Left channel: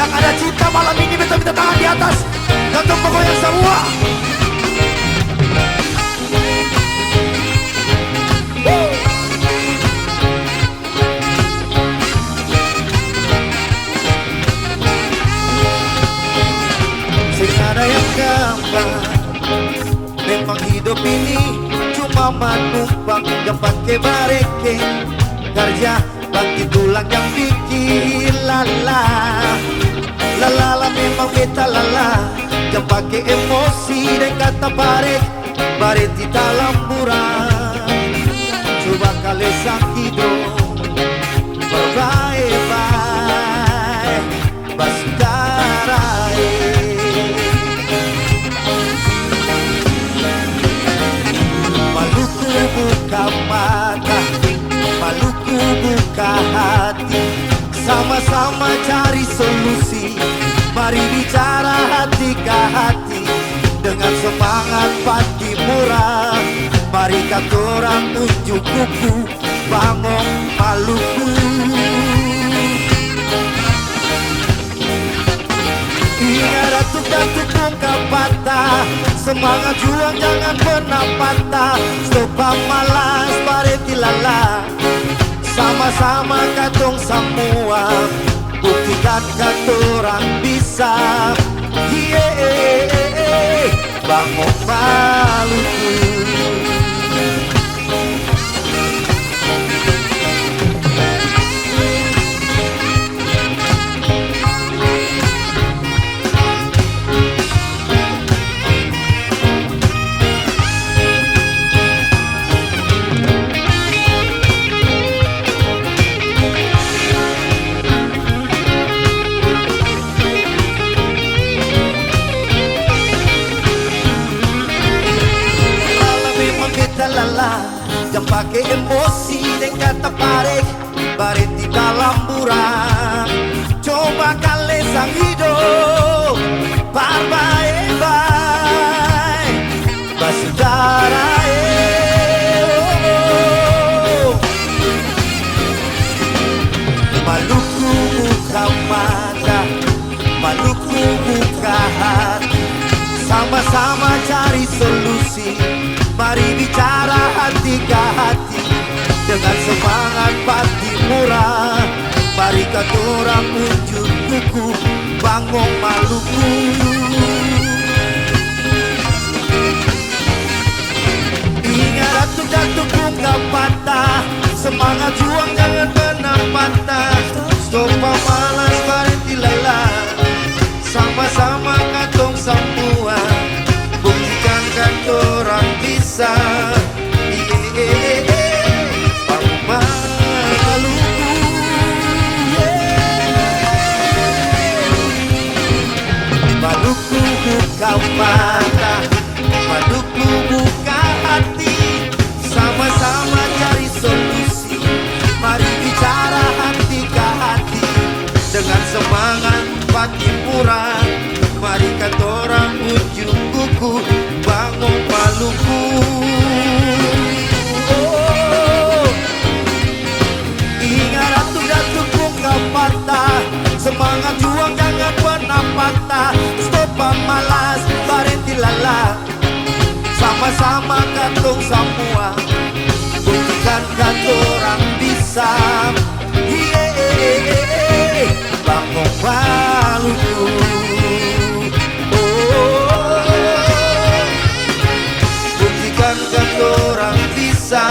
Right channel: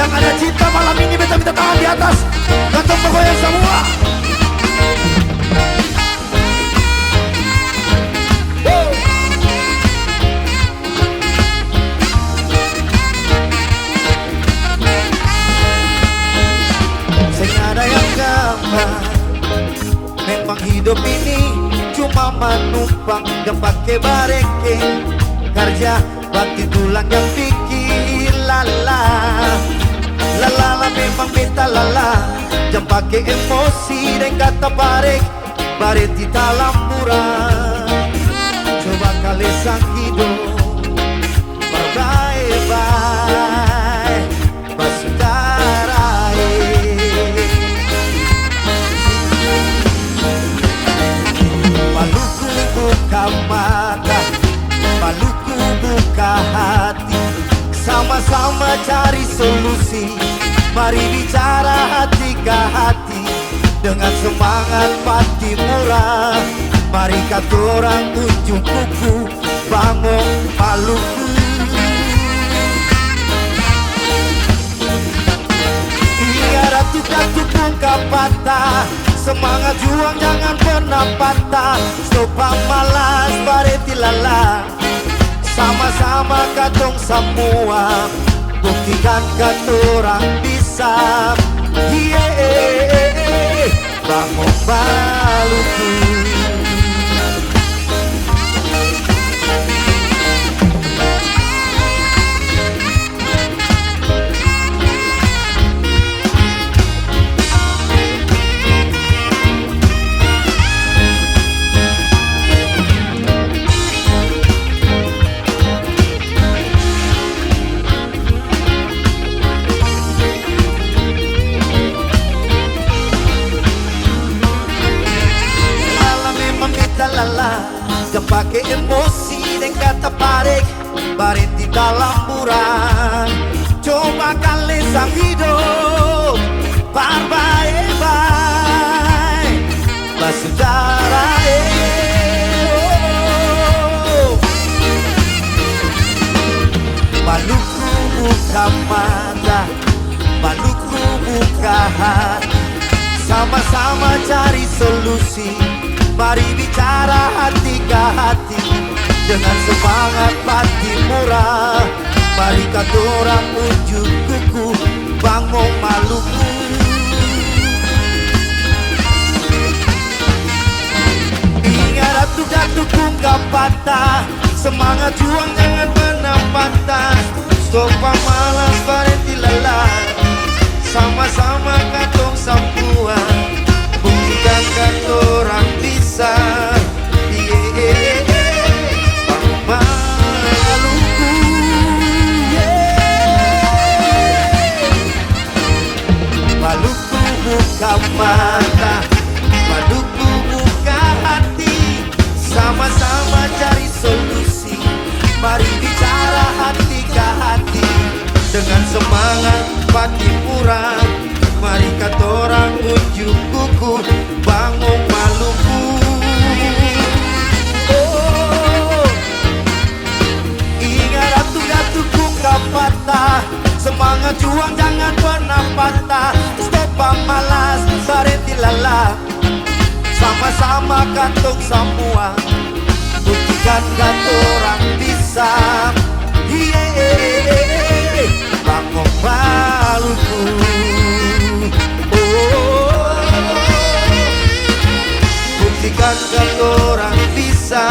Yang ada cinta malam ini beta minta tangan di atas. Ganteng pokoknya semua. Sing ada yang gampang. Memang hidup ini cuma menumpang yang pakai bareke. Kerja bagi tulang yang bikin lala. Lala memang beta lala. Yang pakai emosi dan kata barek. Barek di dalam murah. Coba kali sang hidup berbaik-baik basutarai. Maluku buka mata, Maluku buka hati. Sama-sama cari solusi. Mari bicara hati ke hati. Dengan semangat pati murah. Mari kata orang unjuk kuku. Bangun Maluku. Ingat datuk-datuk ungkap patah. Semangat juang jangan pernah patah. Stop malas bareti lala. Sama-sama katong semua. Buktikan katorang bisa. Yeah, bangun Maluku. Lala, jangan pakai emosi dan kata parek. Baret di dalam burang. Coba kali sang hidup berbaik-baik basudara. Maluku buka mata, Maluku buka hati. Sama-sama cari solusi. Mari bicara hati ke hati. Dengan semangat pati murah. Mari kata orang unjuk kuku. Bangun Maluku. Ingat datuk-datuk ungkap patah. Semangat juang jangan pernah patah. Stop malas bareti lala. Sama-sama katong semua. Buktikan katorang bisa. Bangun Maluku. Maluku buka mata, Maluku buka hati. Sama-sama cari solusi. Mari bicara hati ke hati. Dengan semangat pati murah. Mari katorang unjuk kuku. Bangun Maluku. Ingat datuk-datuk ungkap patah. Semangat juang jangan pernah patah. Stop malas barenti lala. Sama-sama katong semua. Buktikan katorang bisa. Yeah, bangun Maluku. Buktikan katorang bisa.